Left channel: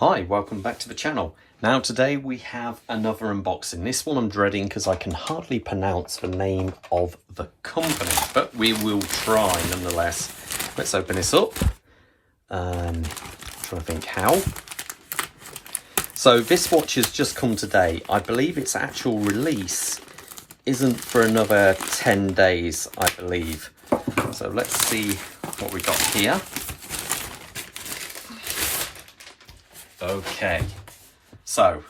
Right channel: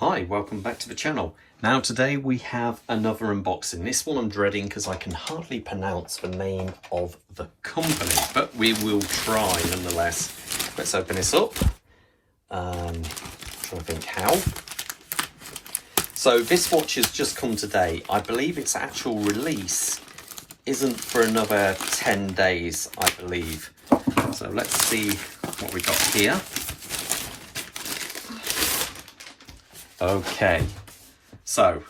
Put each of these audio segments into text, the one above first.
Hi, welcome back to the channel. Now today we have another unboxing. This one I'm dreading because I can hardly pronounce the name of the company, but we will try nonetheless. Let's open this up. Trying to think how. So this watch has just come today. I believe its actual release isn't for another 10 days, I believe. So let's see what we got here. Okay, so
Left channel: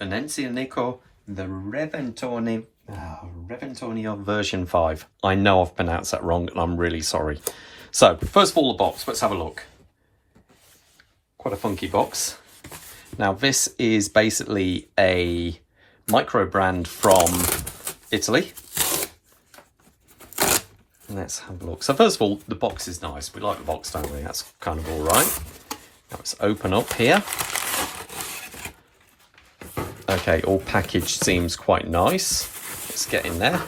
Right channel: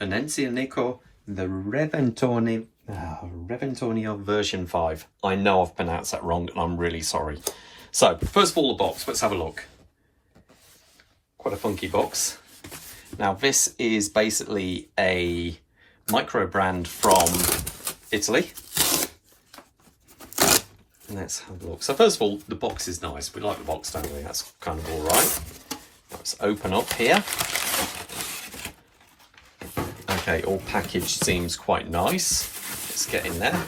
Venezianico Redentore version 5. I know I've pronounced that wrong and I'm really sorry. So first of all, the box, let's have a look. Quite a funky box. Now this is basically a micro brand from Italy. Let's have a look. So first of all, the box is nice. We like the box, don't we? That's kind of all right. Let's open up here. Okay, all packaged seems quite nice. Let's get in there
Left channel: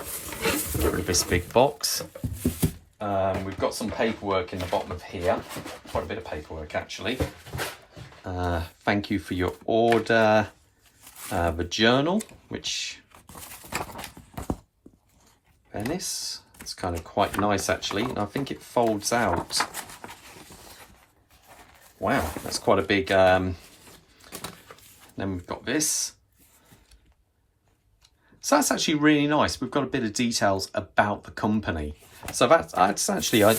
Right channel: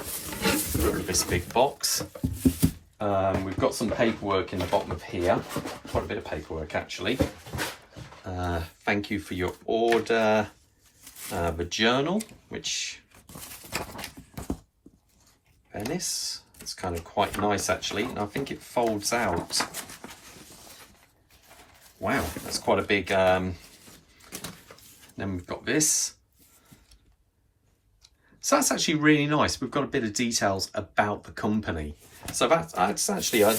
with this big box. We've got some paperwork in the bottom of here. Quite a bit of paperwork actually. Thank you for your order. The journal, which Venice. It's kind of quite nice actually, and I think it folds out. Wow, that's quite a big, then we've got this. So that's actually really nice. We've got a bit of details about the company. So that's actually, I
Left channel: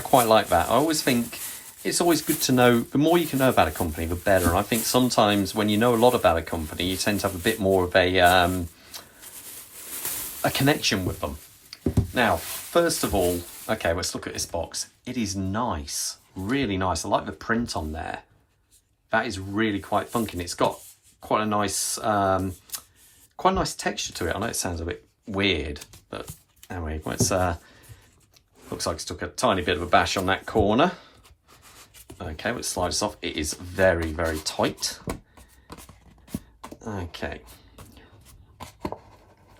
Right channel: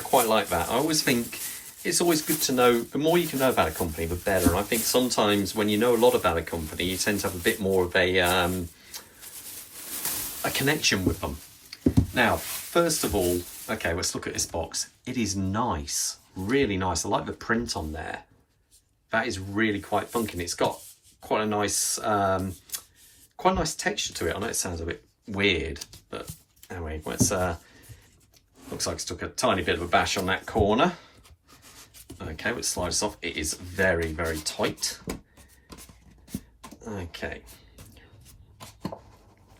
quite like that. I always think it's always good to know, the more you can know about a company, the better. I think sometimes when you know a lot about a company, you tend to have a bit more of a connection with them. Now, first of all, okay, let's look at this box. It is nice. Really nice. I like the print on there. That is really quite funky. And it's got quite a nice texture to it. I know it sounds a bit weird, but anyway, it's looks like it's took a tiny bit of a bash on that corner. Okay, let's slide this off. It is very, very tight. Okay.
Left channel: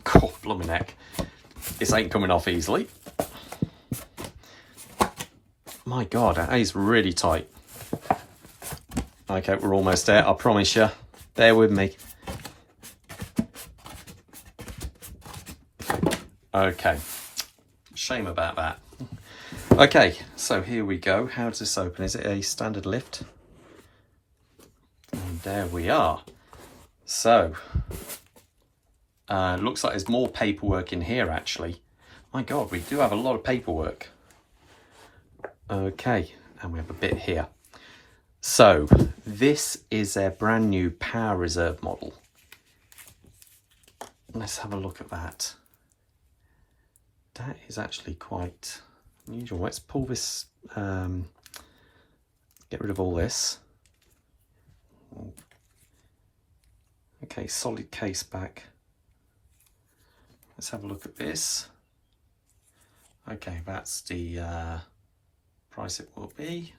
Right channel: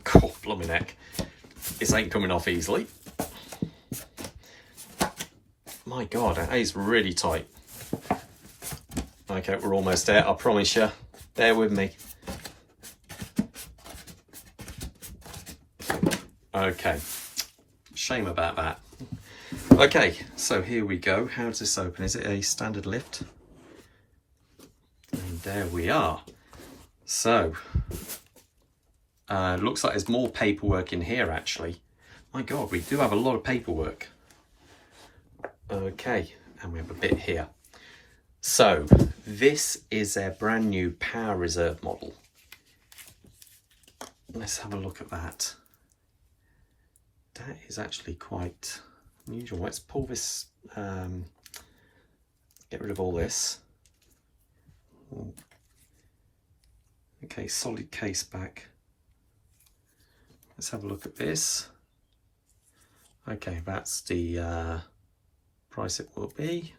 Cool, blooming neck. This ain't coming off easily. My God, that is really tight. Okay, we're almost there, I promise you. Bear with me. Okay, shame about that. Okay, so here we go. How does this open? Is it a standard lift? And there we are. So, looks like there's more paperwork in here actually. My God, we do have a lot of paperwork. Okay, and we have a bit here. So this is their brand new Power Reserve model. Let's have a look at that. That is actually quite unusual. Let's pull this, get rid of all this. Okay, solid case back. Let's have a look at this. Okay, that's the price it will be.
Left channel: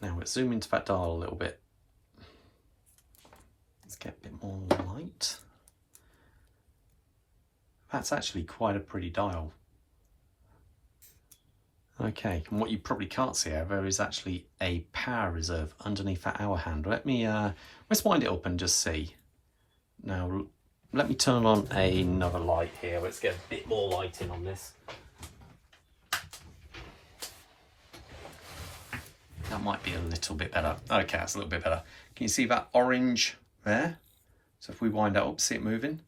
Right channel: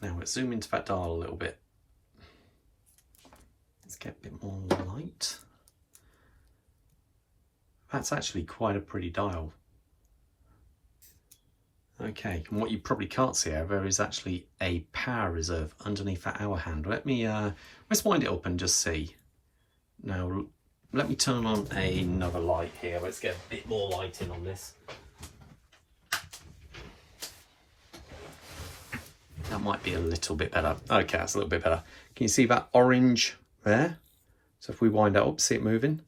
Now let's zoom into that dial a little bit. Let's get a bit more light. That's actually quite a pretty dial. Okay, and what you probably can't see however is actually a power reserve underneath that hour hand. Let me let's wind it up and just see. Now let me turn on another light here. Let's get a bit more lighting on this. That might be a little bit better. Okay, that's a little bit better. Can you see that orange there? So if we wind that up, see it moving?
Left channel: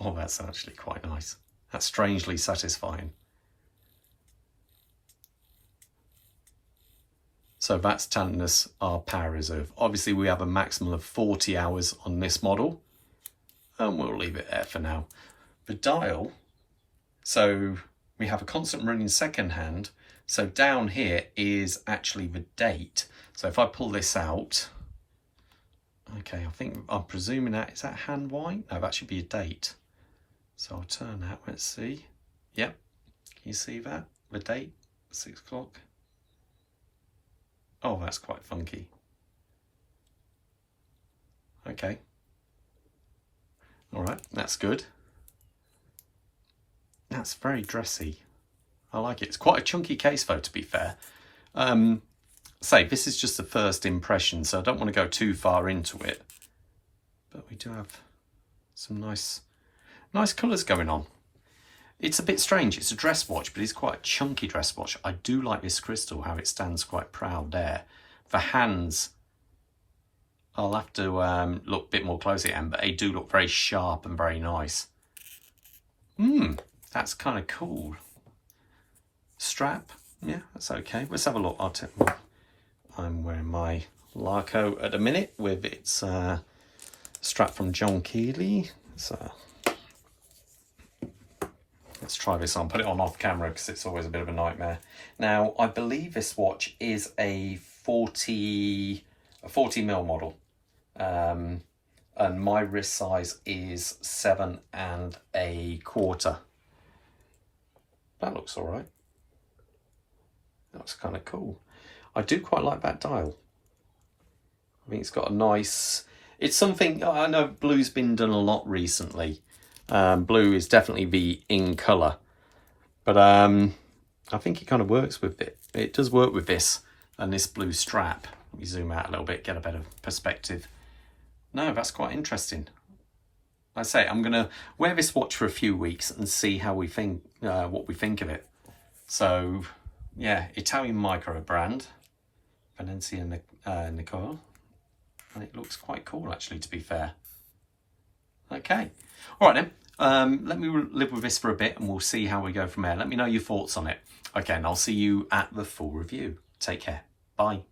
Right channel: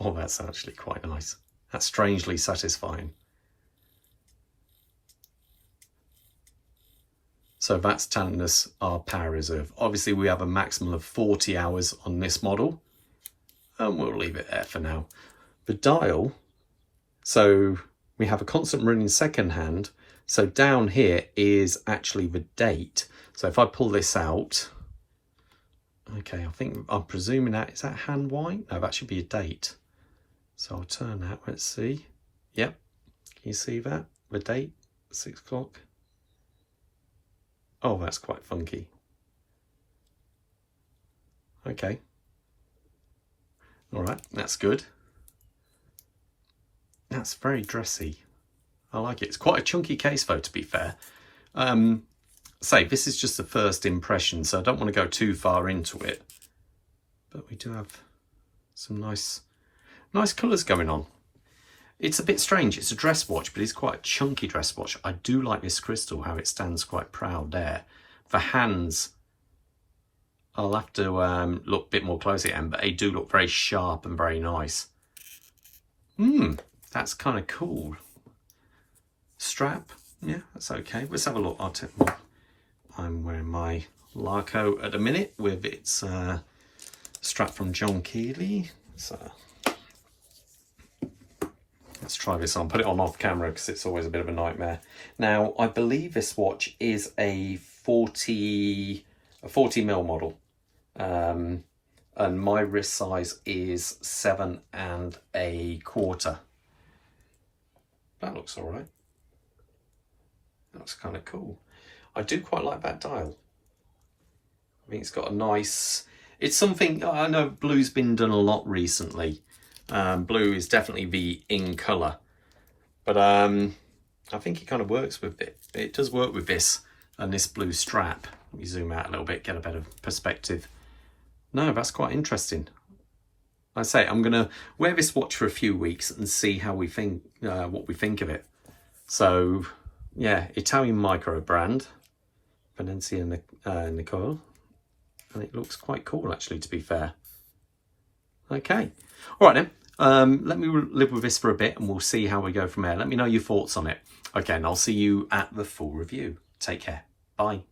Oh, that's actually quite nice. That's strangely satisfying. So that's telling us our power reserve. Obviously, we have a maximum of 40 hours on this model, and we'll leave it there for now. The dial, so we have a constant running second hand. So down here is actually the date. So if I pull this out, okay, I'm presuming that, is that hand white? No, that should be a date. So I'll turn that, let's see. Yep, can you see that? The date, 6 o'clock. Oh, that's quite funky. Okay. All right, that's good. That's very dressy. I like it. It's quite a chunky case though, to be fair. say this is just the first impression, so I don't want to go too far into it. But we do have some nice colours going on. It's a bit strange. It's a dress watch, but it's quite a chunky dress watch. I do like this crystal, how it stands quite proud there. The hands, I'll have to look a bit more closely at them, but they do look very sharp and very nice. That's kind of cool. Strap, yeah, that's okay. Let's have a look. I'm wearing my Larco at the minute with its strap from John Keeley. So let's try this on. Put it on off camera because it's always a bit of a nightmare. Now, I believe this watch is a 40 mil model. And my wrist size is 7 1/4. That looks all right. That's kind of cool. I do quite like that dial. I think it's got a nice... It's something... I know blue's been done a lot recently. Blue is definitely the in colour. But I think it kind of works with it. It does work with this and this blue strap. Let me zoom out a little bit, get a better perspective. No, that's quite interesting. Like I say, I'm going to wear this watch for a few weeks and see how we think, what we think of it. So, yeah, Italian micro brand, Venezianico, and it looks quite cool, actually, to be fair. Okay, all right then. Let me live with this for a bit, and we'll see how we go from there. Let me know your thoughts on it. Okay, and I'll see you at the full review. Take care. Bye.